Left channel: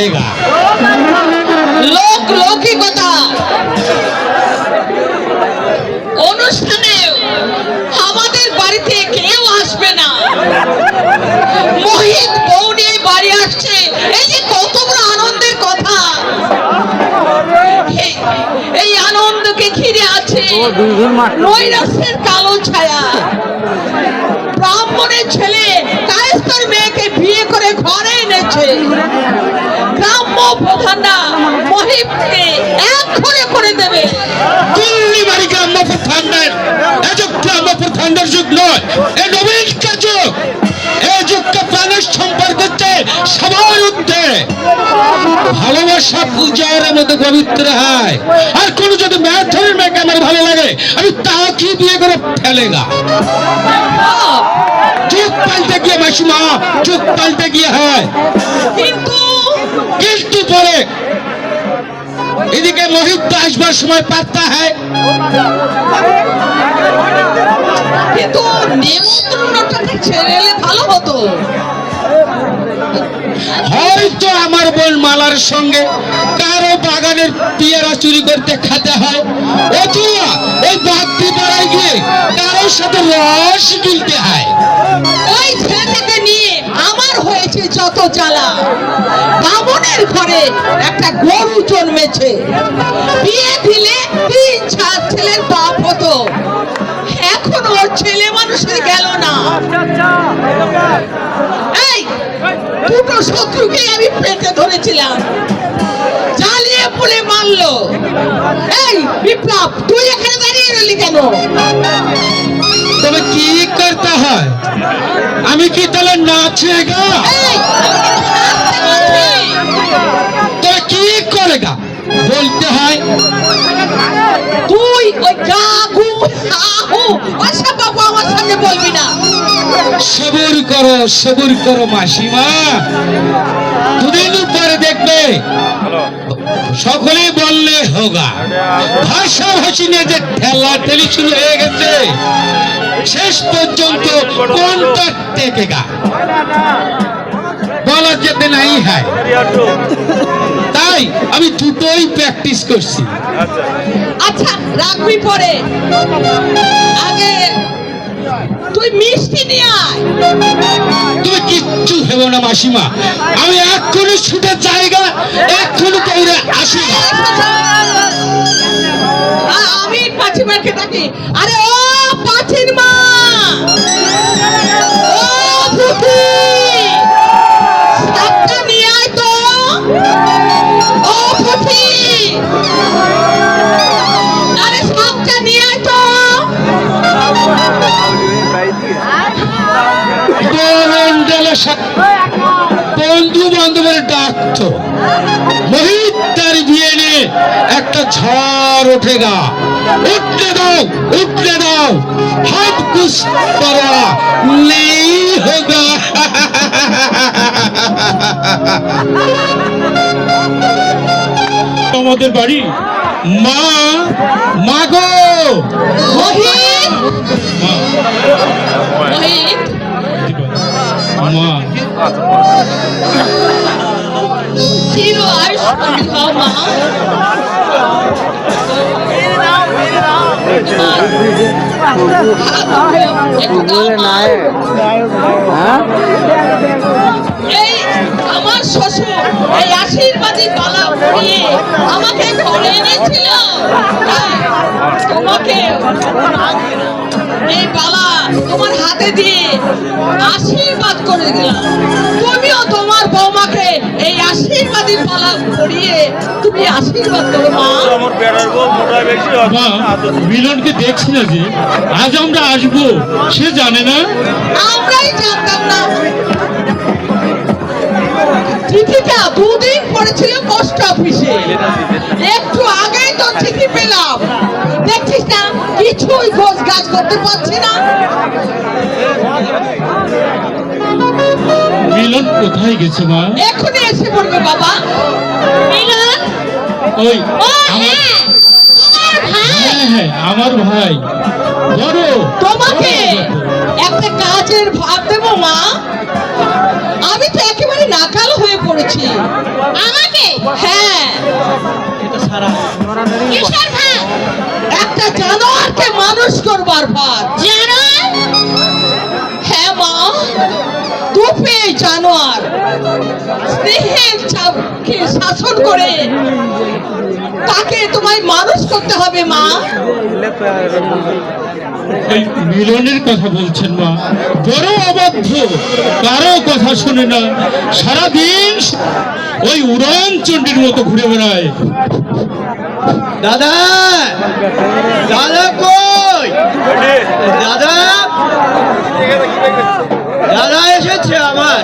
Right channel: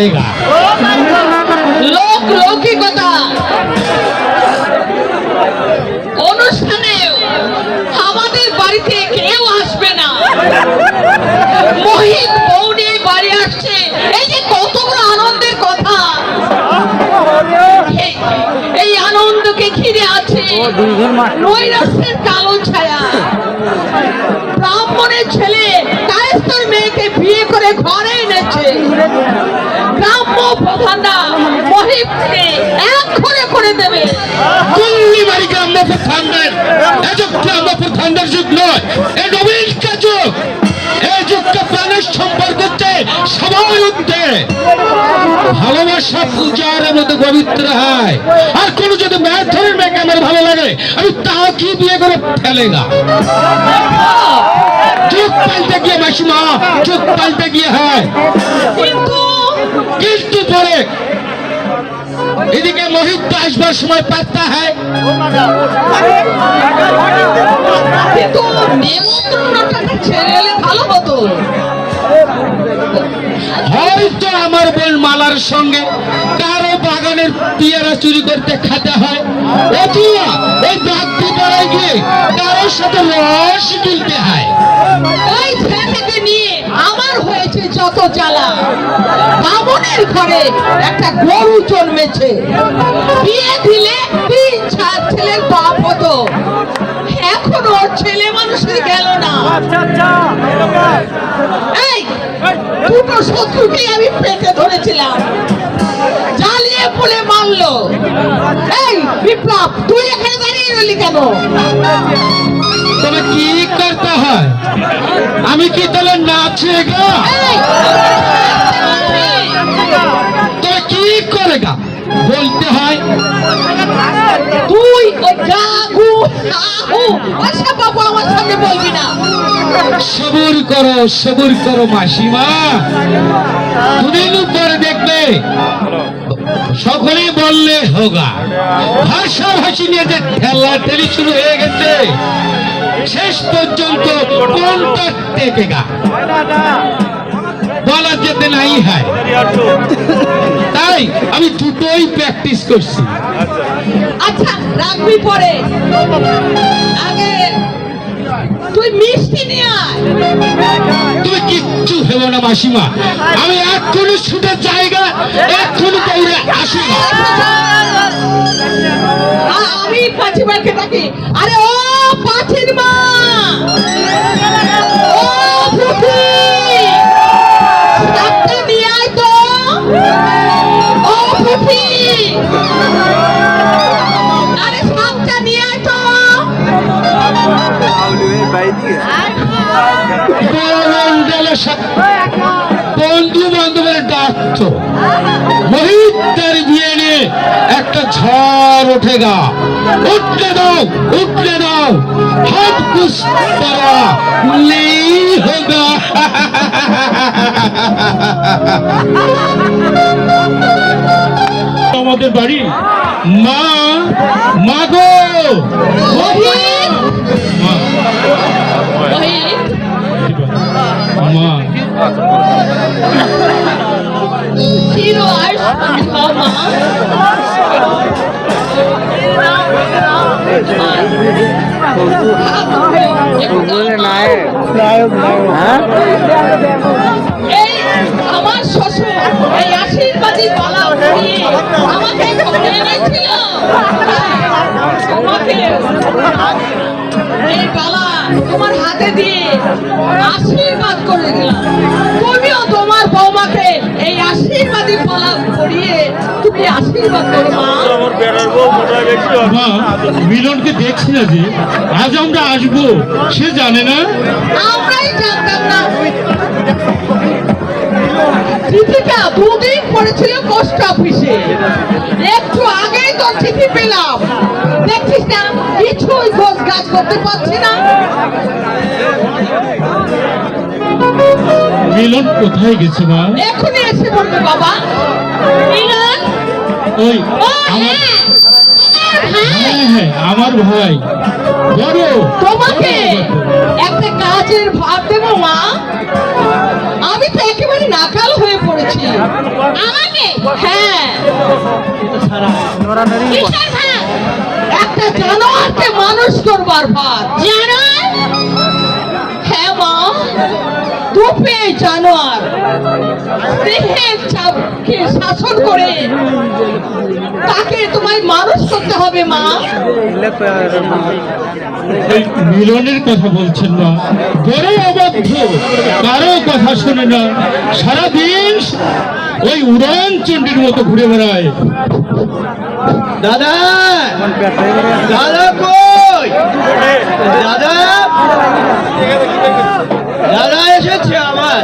जाएगा। লোক লৌকিকতা অনুষ্ঠানে আমাদের বাড়িতে কেউ আসবে না। মোহিত বউ নিয়ে বাড়ি আসছে, এই যে কত বড় আনন্দের কথা। এই আনন্দকে ঘিরে আছে নৈরাশ্যের কালো ছায়া। ব্রাহ্মণের ছেলে কায়েস্তার মেয়েকে বিয়ে করে ঘরে এনেছে। গ্রাম্য প্রধানরা মহিতকে এক ঘরে করে দেবে। दिल्ली बारी ग्राम्य प्रधानদের এযুগ গ্রাম্য প্রধানদের যুগ নয়, এই নবীন যুগ। এই যুগকে প্রাণের সম্পর্ক হচ্ছে সবাই উঠে ভালোবাসা পূজার মধ্যে পবিত্র হয়। আর কোন যদি ম্যাথের মেয়েকে আমার ভালো লাগে, আমি তাও কি বিয়ে করে ফেলেগা। যুগ পাল্টে গিয়ে মাসিমা, যুগ পাল্টে গিয়ে হয়। কিন্তু পরে এদিকে মোহিত আসবার সময় পাত্তা হয়, কিন্তু নেমন্তন্নটাকে ছেড়ে এলে ভালো হতো। হয়তো আমার বোন মালার সঙ্গে কারো বাগানের পেয়ারা চুরি করতে খেতে হয়, অথবা এই বাগদি পাড়ায় গিয়ে কারোর সাথে রস গিলতে হয়। ওই ছেলেকে নিয়ে আমার হয়েছে যত জ্বালা। বামনের ঘরে একটা গরু জন্মেছে, বিয়ে দিলে 3-4 ছেলের বাপ হতো। এখন ওর ছেলে মানুষের গেল না। এই দুটো শত্রুকে আমি পেটে ধরেছিলাম, জ্বালিয়ে পুড়ে মারলো। এই বিপ্লব, তুই এখানে দাঁড়িয়ে রইলি কেন? তবে কি করতে হয়? আমি কি তাহলে নাচে গা? এই, তবে কি করে গা বলতে হয়? তুই ওই গাগু আহু আশা বাবু আমার সামনে বলবি না। সবুর করো মাসিমা, দুদিন পরে দেখবে সকলেই বললে হোগা। ভাষাভাষী নিয়ে যে ঠেলা ঠেলি শুরু হয়ে গেছে, শেষ পর্যন্ত কোনটা টেকে গা বলা যেতে নাই হয়। তাই আমি দুটোই প্র্যাকটিস করছি। আচ্ছা রাখবি পরে, আগে তুই মিষ্টি নিয়ে আয়। তুমি কিচ্ছু ভেবো না মাসিমা, আমি এক্ষুনি ছুটে জায়গা এক্ষুনি দৌড়ে আসি। আমি পাঁচি মাকে ডাকি। আরে ও পাঁচির মা, ও ফুফি, শাকটা নিয়ে আয় তো। ও ফুফি, আরে শাকটা নিয়ে আয় তো। বন্ধু বান্ধবের ডাকতো, মোহিত তার বিয়ে নিয়ে একটা ঝড় ওঠে গা। উঠলে দাও হাত কুছ করা নেই হোগা। আমাদের বাড়ি মা গো মোহিত, মা, মোহিত, মা চির আয়ুষ্মান হও মা। এই আমার শ্বশুর এই আশীর্বাদী বালা পরিয়ে আমাকে ঘরে এনেছিল, তাই তোমাকে এই বালা তোমার হাতে দিয়ে আশীর্বাদ করে দিলাম। তুমিও তোমার বৌমাকে এই আশীর্বাদী বালা পরিয়ে তুমি আশীর্বাদ করো মা। মা, মিলনকে দেখছি না যে আজ আমরা আসবো, সে জানে না। আমরাই জানতাম না। চিঠিটা 2 দিন পড়েছিল পোস্ট অফিসে, একটু আগেই তো চিঠি পেলাম। দেখছিস না, কিছুই খোঁজ কাজ করতে পারছি না। মিলন কোথায় গেছে মা? এখনই এসে পড়বে বাবা। মিলন, ওই ও হ্যাঁ, হ্যাঁ আমার ভাই বড়। তোমাকে একটা কাজের ভাব দেবো মা। আমি তো একেবারে নাকাল হয়ে পড়েছি। করেছি। আমাকে হ্যাঁ, কিসের ভাব? একটা জানোয়ারকে মানুষ করবার ভার। জানোয়ার? হ্যাঁ মা, দুপে জানোয়ার স্নেহের চাপকে শাসন করে তাকে তোমায় মানুষ করতে হবে মা। ওই মিলনের কথা বলছেন না, বড় অবাধ্য, কারো কথা শুনে না, সারাদিন ওই উড়ান চণ্ডীর মতো ঘুরে বেড়ায়। দাদা দাদা কই দাদা দাদা এসেছে আমার